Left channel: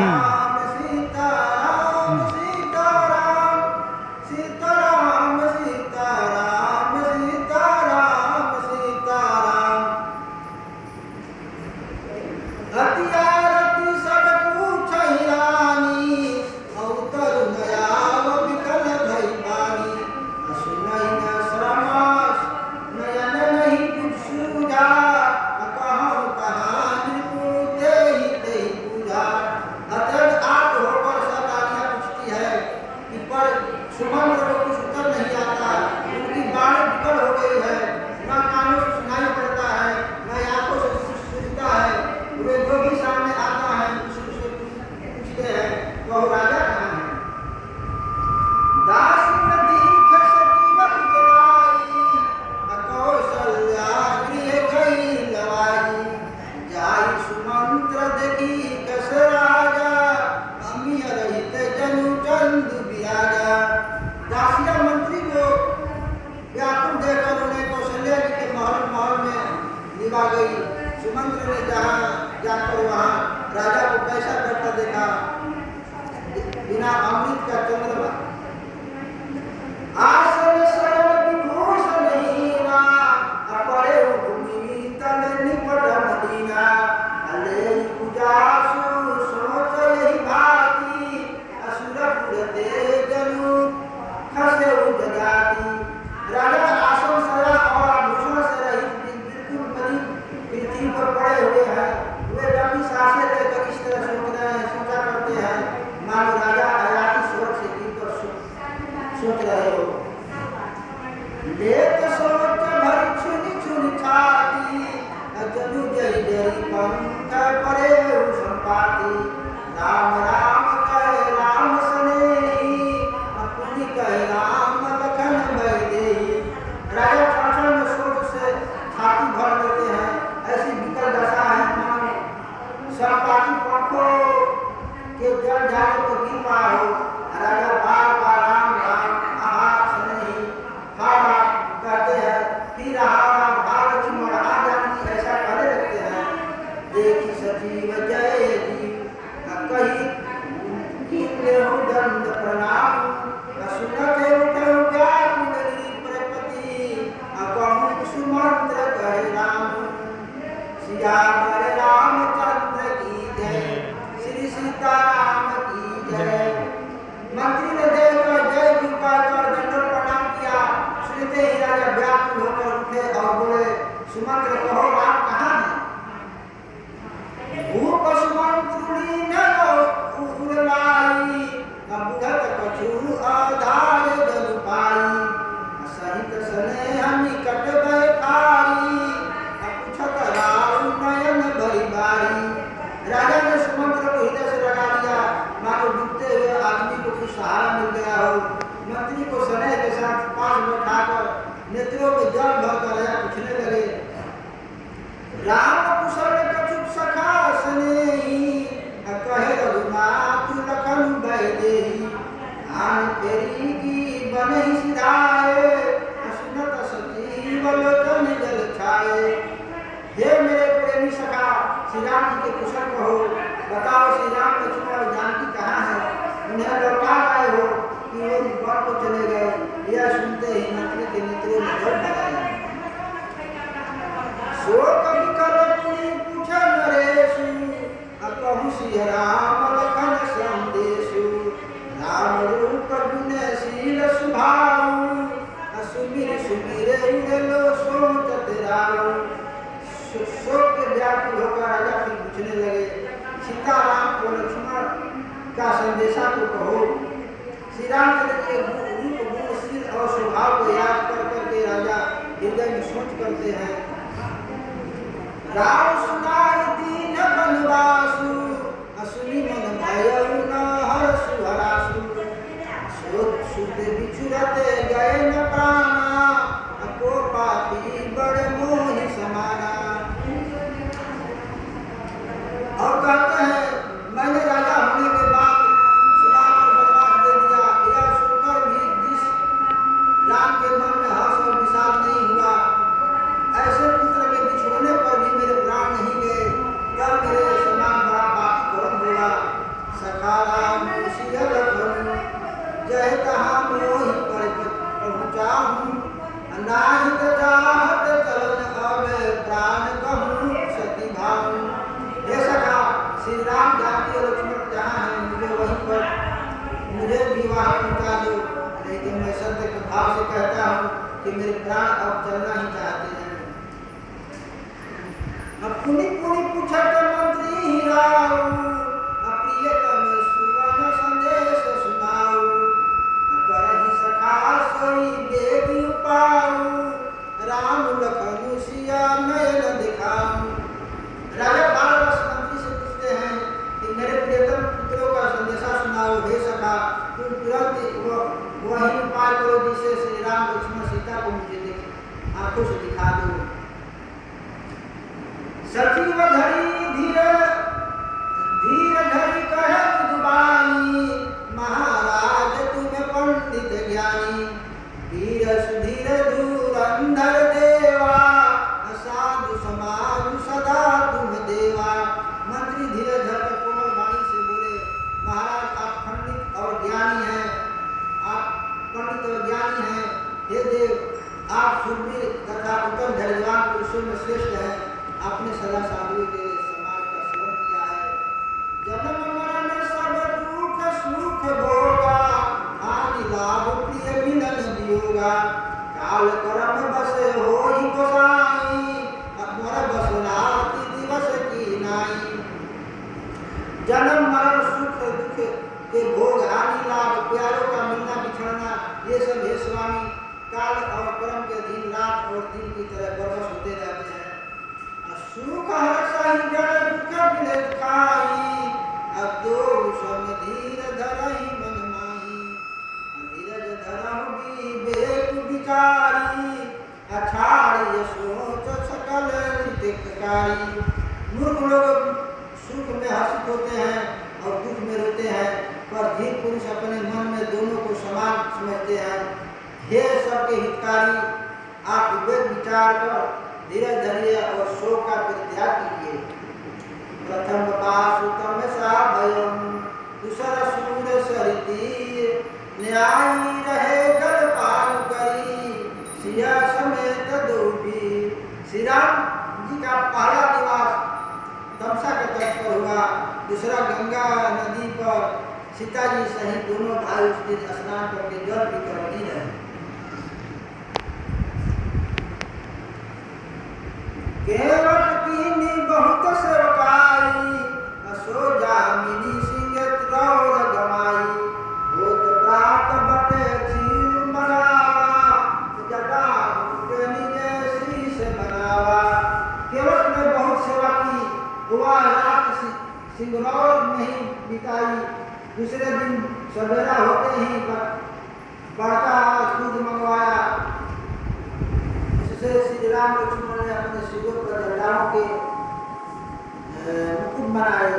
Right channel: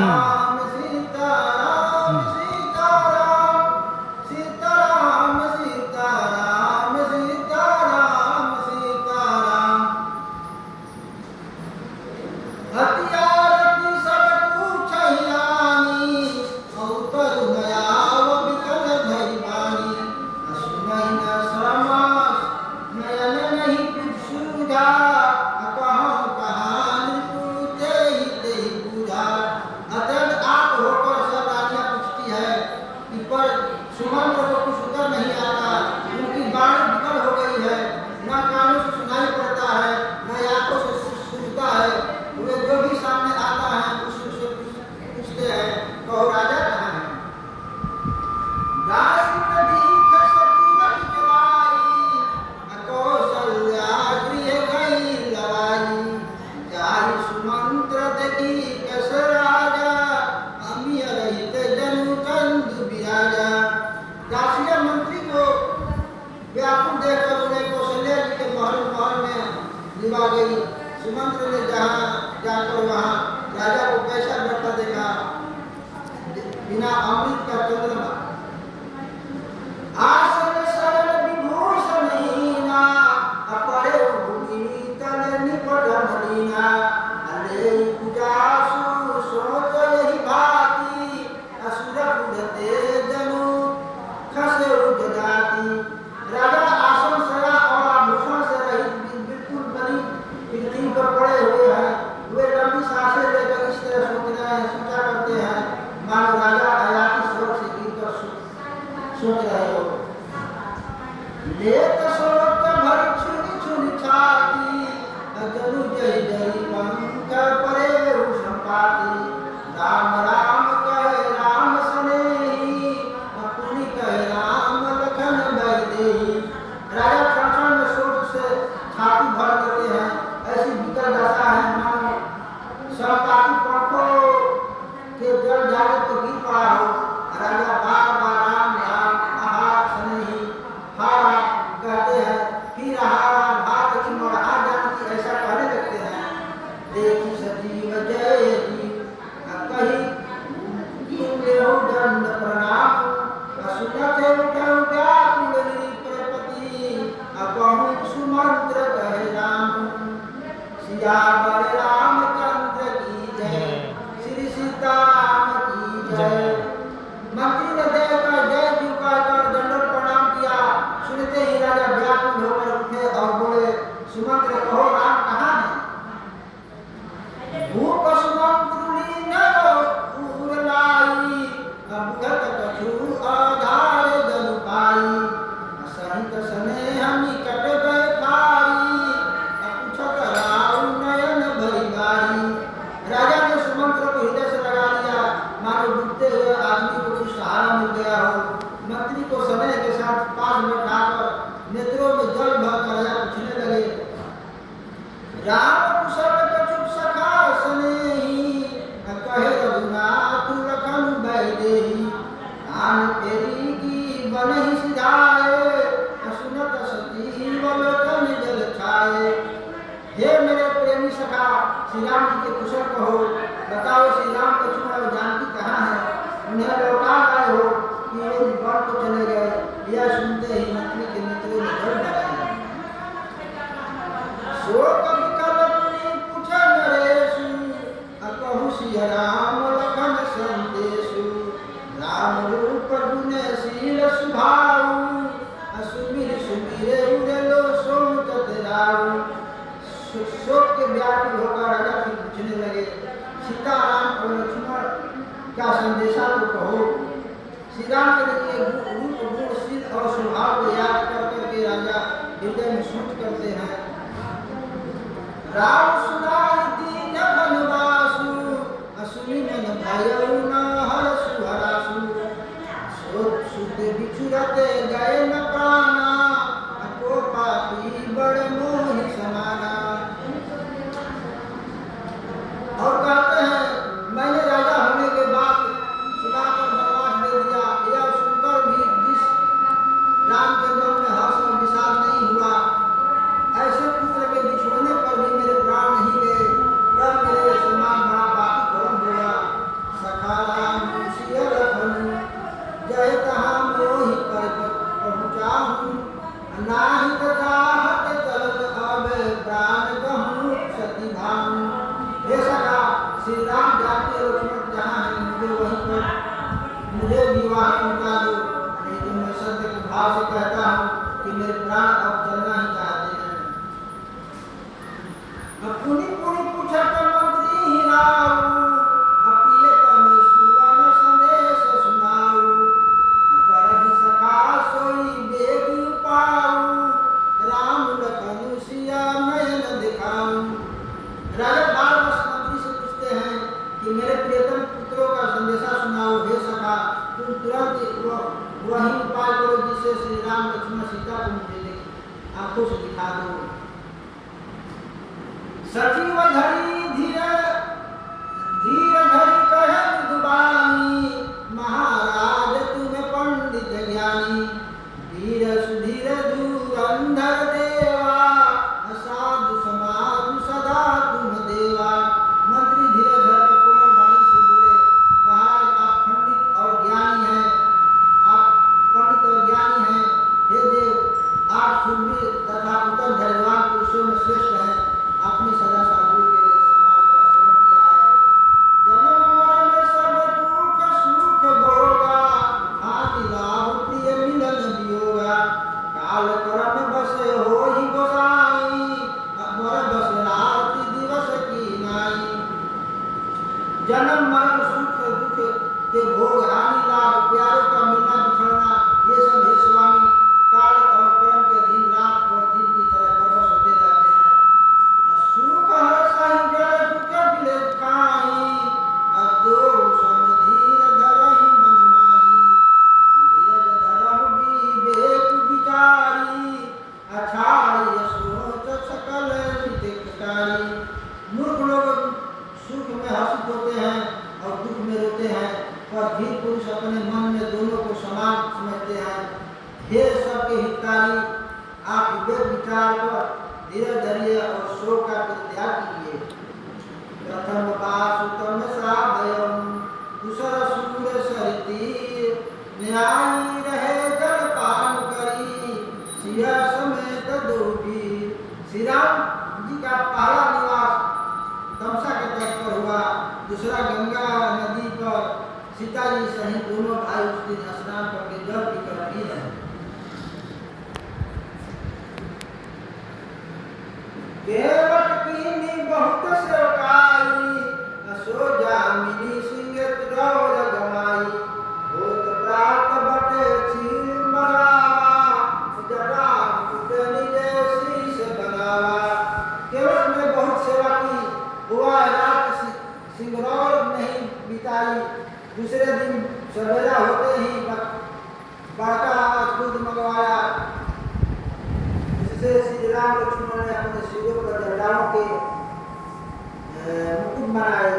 सीताराम सीताराम सीताराम सीताराम सीताराम सीताराम सीताराम। हथियारती सब पूछ रानी अवतर नयाव विकल भई बानी। सुनई न श्रमास नयन नहीं कुछ सूझा कहूँ कहानी पूछते ही ते पूजा। अतः आप होकर सब रानियां पूछती है कि पर सुमंत्र को कुछ उत्तर नहीं आता। उनकी वाणी विकल हो गई है, न कानों से सुनाई पड़ता है न आंखों से सूझता है। वे जो भी सामने आता है उससे पूछते हैं कहो राजा कहाँ है। दास दीख सजीवन जलाई अकौशल्या गृह गई लवाई। जाई सुमंत्र देखी कस राजा अमी रहित जनु चंद बिराजा। दासिया मंत्री को व्याकुल देखकर उन्हें कौशल्या जी के महल में निभा गई। सुमंत्र ने जहाँ जाकर वहाँ राजा को कैसा बैठा देखा बिना अमृत का चंद्रमा। आसन सरल विभूषण हीना अपरे भूमि तन निपट मदीना। अले पूजासु सोच यही भाती असुरपुर ते जनु खसे जगाती। राजा आसन सरा और आभूषण से रहित बिल्कुल बनी पृथ्वी पर पड़े हुए हैं। वे लंबी सांसें लेकर इस तरह सोच रहे हैं, सोचा करते हैं मानो राजा हयाती स्वर्ग से गिरकर सोच रहे हो। लेत सोच भर छुनी छुनी छाती जनु जय जय पंख परे संपाती। राम राम कहे राम सनेही अपनी कहे राम लखन भय देही। राजा क्षण में सोच से छाती भर लेते हैं, ऐसी विकल दशा है मानो संपाती पंखों के जल जाने तो गिर पड़ा हो। राजा बार बार राम राम आहा सनेही हारा कहते हैं, फिर आहा भाग की मढ़ा जानती ऐसा करने लगते हैं। देखी सजीव जय जीव कही लेहु दंड प्रणाम। सुनत उठऊ व्याकुल प्रपति अबहु सुमंत्र कहे राम। सियावर रामचंद्र की जय श्री सीताराम की जय। मंत्री ने देखकर जय जी कहकर दंडवत प्रणाम किया। सुनते ही राजा व्याकुल होकर उठे और बोले सुमंत्र कहो राम कहाँ है। भूप सुमंत्रुणी नव उड़लाई बुझत कछु आधार जनु पाई। सहित स्नेह निकट गए ठारी पूछत राम नयन भरी बारी। राजा ने सुमंत्र को हृदय से लगा लिया मानो डूबते हुए आदमी को कुछ सहारा मिल गया हो। मंत्री को स्नेह के साथ पास बैठाकर नेत्रों में जल भरकर राजा पूछने लगे राम कुशल कछुक सखा स्नेही कहे रघुनाथ लखन भय देही। आन फेरी की बनहि सिधाए सुनत सजीवन जन जल छाए। हे मेरे प्रेमी सखा श्री राम जी के कुशल कहो, बताओ श्री राम लक्ष्मण और जानकी कहाँ है। उन्हें लौटा लाए हो कि वे वन को चले गए। यह सुनते ही मंत्री के नेत्रों में जल भर आया। शोक विकल मुनि पूछे नरेशु कहूँ सिया राम लखन संदेशु। राम रूप गुण शील सुभाऊ सुमिर सुमिरे उड़लो सोचत राऊ। शोक के व्याकुल होकर राजा फिर पूछने लगे सीताराम और लक्ष्मण का संदेशा तो कहो। श्री रामचंद्र के रूप गुण शील और स्वभाव को याद कर करके राजा हृदय में सोच करते हैं। राम सुनाई दीन बनवासु असुनी मन भयउ न हरसु हरासु। शुद्ध बिछुरते गए न प्राणा को पापी बड़ मोहि समाना। और कहते हैं मैंने राजा होने के बाद सुनाकर बनवास दे दिया। यह सुनकर भी जिस राम के मन में हर्ष और विषाद नहीं हुआ, ऐसे पुत्र के बिछोड़ने पर भी मेरे प्राण नहीं गए। सखा राम सिया लखन जय तहाँ मोहि पर पहुँचाऊँ अनाहि तजाहत चलन अब प्राण कहूँ सती भाऊँ। हे सखा श्री राम जानकी और लक्ष्मण जहाँ है मुझे वहीं पर मुझे विवाह पहुँचा दो, नहीं तो मैं सत्य के भाव से कहता हूँ कि मेरे प्राण अब चलना ही चाहते हैं। पुनि पुनि पूछत मंत्री राऊ प्रियतम सुवन संदेश सुनाऊ करहि सखा सोई बेगी पाऊ राम लखन सिया नयन दिखाऊं। राजा बार मंत्री से पूछते हैं कि मेरे प्रियतम पुत्रों का संदेशा सुनाओ। हे सखा तुम तुरंत वही उपाय करो जिसे श्री राम लक्ष्मण सीता को मुझे आंखों से दिखा दो। सचिव धरी धीर धरी कहे विद्वानी महाराज तुम पंडित ज्ञानी वीर सुधीर धुरंधर देवा साधु समाज सदा तुम देवा। मंत्री धीरे धर कर कोमल वाणी से बोले, महाराज आप पंडित और ज्ञानी हैं, आप पंडित और ज्ञानी हैं। हे देव आप शूरवीर तथा उत्तम धैर्यवान पुरुषों में श्रेष्ठ हैं। आपने सदा साधुओं के समाज का सेवन किया है। जन्म मरण सब दुख सुख भोगा हानि लाभ प्रिय मिलन वियोगा काल कर्म बस होई गोसाई अमर बस राति दिवस की नाई। जन्म मरण सुख दुख के भोग हानि लाभ प्यारों का मिलना बिछड़ना ये सब हे स्वामी काल और कर्म के दिन रात और दिन की तरह बरबस होते रहते हैं। सुख हर्षहि जड़ दुख बिलेत काई अदो सम धीर धरहि मन माही धीरज धरहु विवेक विचारी अछाड़ि सोच सकल हितकारी। मूर्ख लोग सुख में हर्षित होते हैं और दुख में रोते हैं, पर धीर पुरुष अपने मन में दोनों को समान समझते हैं। हे सबके हितकारी आप विवेक विचार पर धीरज धरिए और शोक का परित्याग कीजिए। प्रथम पासुतम सा भयम दूसर सूर सरिती न्यायी रहे जल पान करी सिया समेत दोबी। श्री राम जी का पहला निवास तमसा के तट पर हुआ, दूसरा गंगा नदी पर सीता जी सहित दोनों भाई उस दिन स्नान करके जल पीकर पी रहे। केवट कीनी बहुत सेवकाई असो जामिनी सिंह त्रौर गमाई होत प्रात बटे छील मरावा जटा मुझे निजे श्री से बनावा। केवट ने बहुत सेवा की, हुआ रात सिंगरौर नहीं बिताई। दूसरे दिन सवेरा होते ही बड़का दूध मंगवाया जिससे श्री राम लक्ष्मण ने अपने सिरों पर जटाओं के मुकुट बनाए।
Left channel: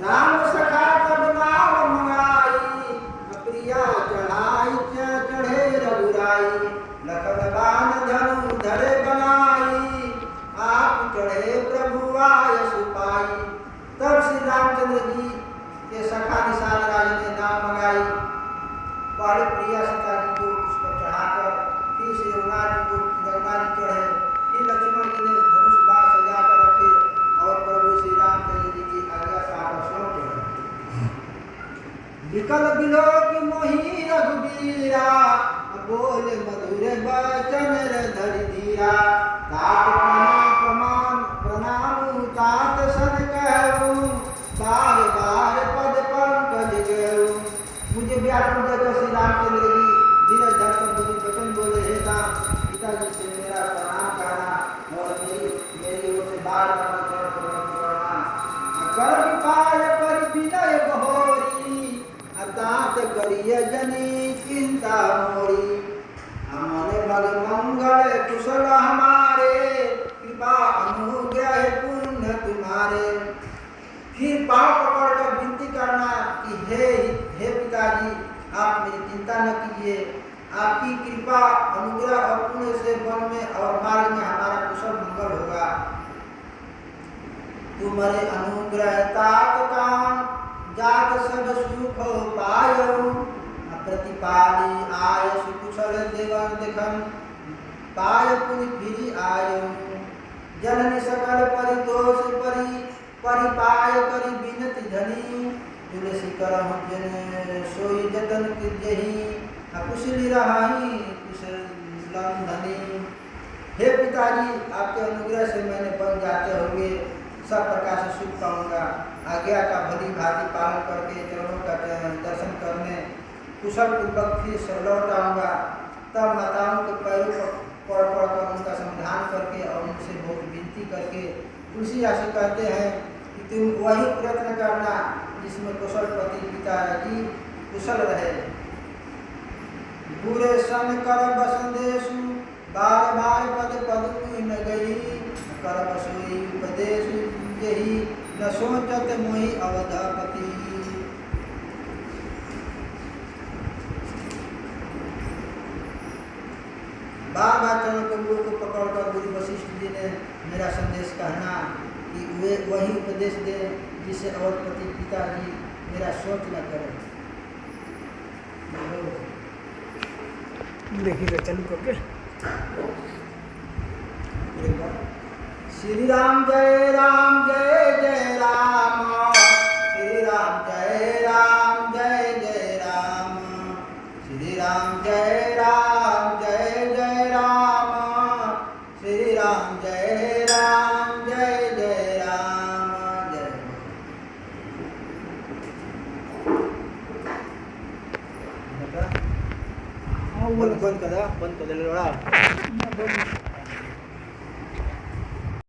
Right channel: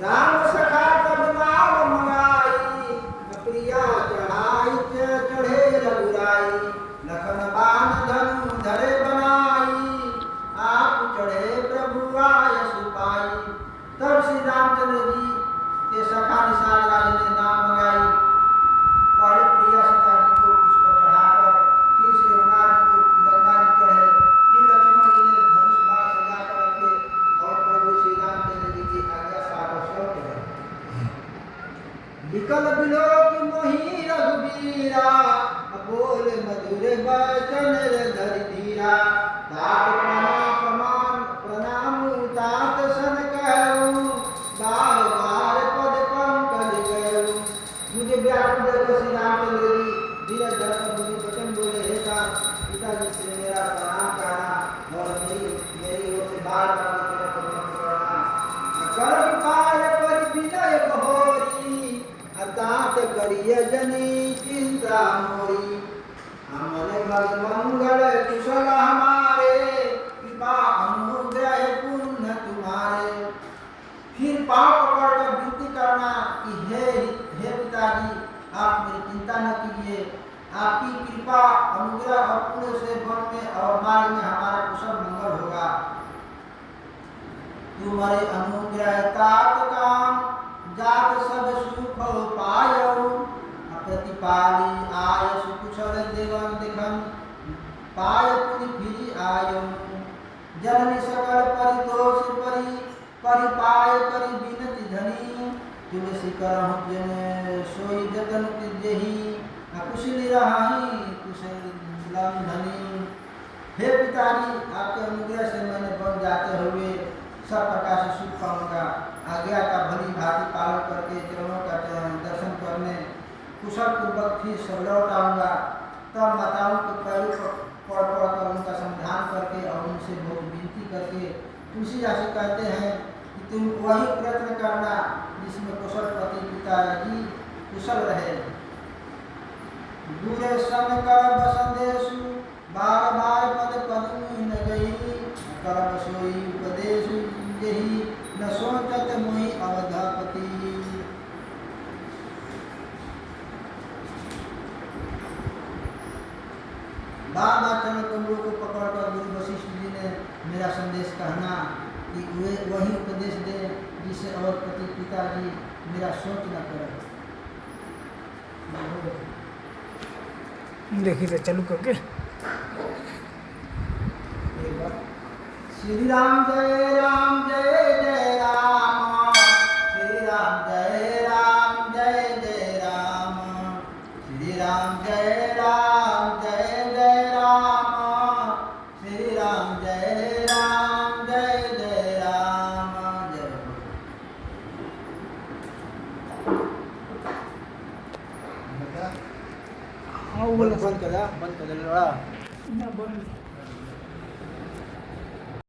राम सखा तब नाव मंगाई प्रिया चढ़ाई चढ़े रघुराई लखन बाण धनु धरे बनाई आप चढ़े प्रभु आय सुपाई। तब श्री रामचंद्र जी के सखा निषाद राज ने नाव मंगाई। पहले प्रिया सीता जी को उस पर चढ़ाकर फिर श्री रघुनाथ जी को गंगा जी चढ़े, फिर लक्ष्मण जी ने धनुष बाण सजा कर रखे और प्रभु श्री रामचंद्र जी की आज्ञा पाकर सौंप गए। विकल बिलोक मोहि रघुबीरा बोले मधुर वचन धरि धीरा तात प्रणाम तात सन कहूँ बार बार पद पंकज गयऊ। मुझे व्याकुल देखकर श्री रामचंद्र जी धीरज धरकर मुझे वचन बोले, हे पिताजी से मेरा प्रणाम करना और मेरी ओर से बार बार करना। कर्म पाल पर विनय बहोरी अतात करिय जनी चिंता मोरी। हमने भग मंगल कुशल हमारे कृपा अनुग्रह पुण्य तुम्हारे। फिर पांव पकड़कर विनती करना कि हे पिताजी आप मेरी चिंता न कीजिए, आपकी कृपा अनुग्रह और पुण्य से वन में और मार्ग में हमारा कुशल मंगल होगा। तुम्हारे अनुग्रह तात काम जात सब सुख पायऊ प्रतिपाली आय सुकुशल देवन देखन पाय पुनि फिरी आयऊ जननी सकल परितोष परिपाय करी बिनति धनी तुलसी करहु जन सोई जतन जही अकुशली रहाई कुशल धनी। हे पिताजी, आपके अनुग्रह से मैंने बन जाते हुए सब प्रकार से सुख पाऊंगा। आज्ञा का भली भांति पालन करके चरणों का दर्शन करने कुशल पूर्वक फिर लौट आऊँगा। तब माताओं के पैरों पर पड़ कर उनका समाधान करके और उनसे बहुत विनती करके तुलसीदास से कहते हैं कि तुम वही प्रयत्न करना जिसमें कुशलपति पिताजी कुशल रहे। बुरे सन कर बसंदेशु बार बार पद पद न गई कर बसोई उपदेश यही न सोचत मोहि अवधापति। बार बार चरण कमलों को पकड़कर गुरु वशिष्ठ जी ने मेरा संदेश कहना कि वे वही उपदेश दे जिससे अवधपति पिताजी मेरा सोच न करे। देखिए चालू करके श्री राम जय राम जय जय राम श्री राम जय राम जय जय राम श्री राम जय राम जय जय राम श्री राम जय राम जय जय राम जय। हाँ, वो बंद कर दे लड़ा।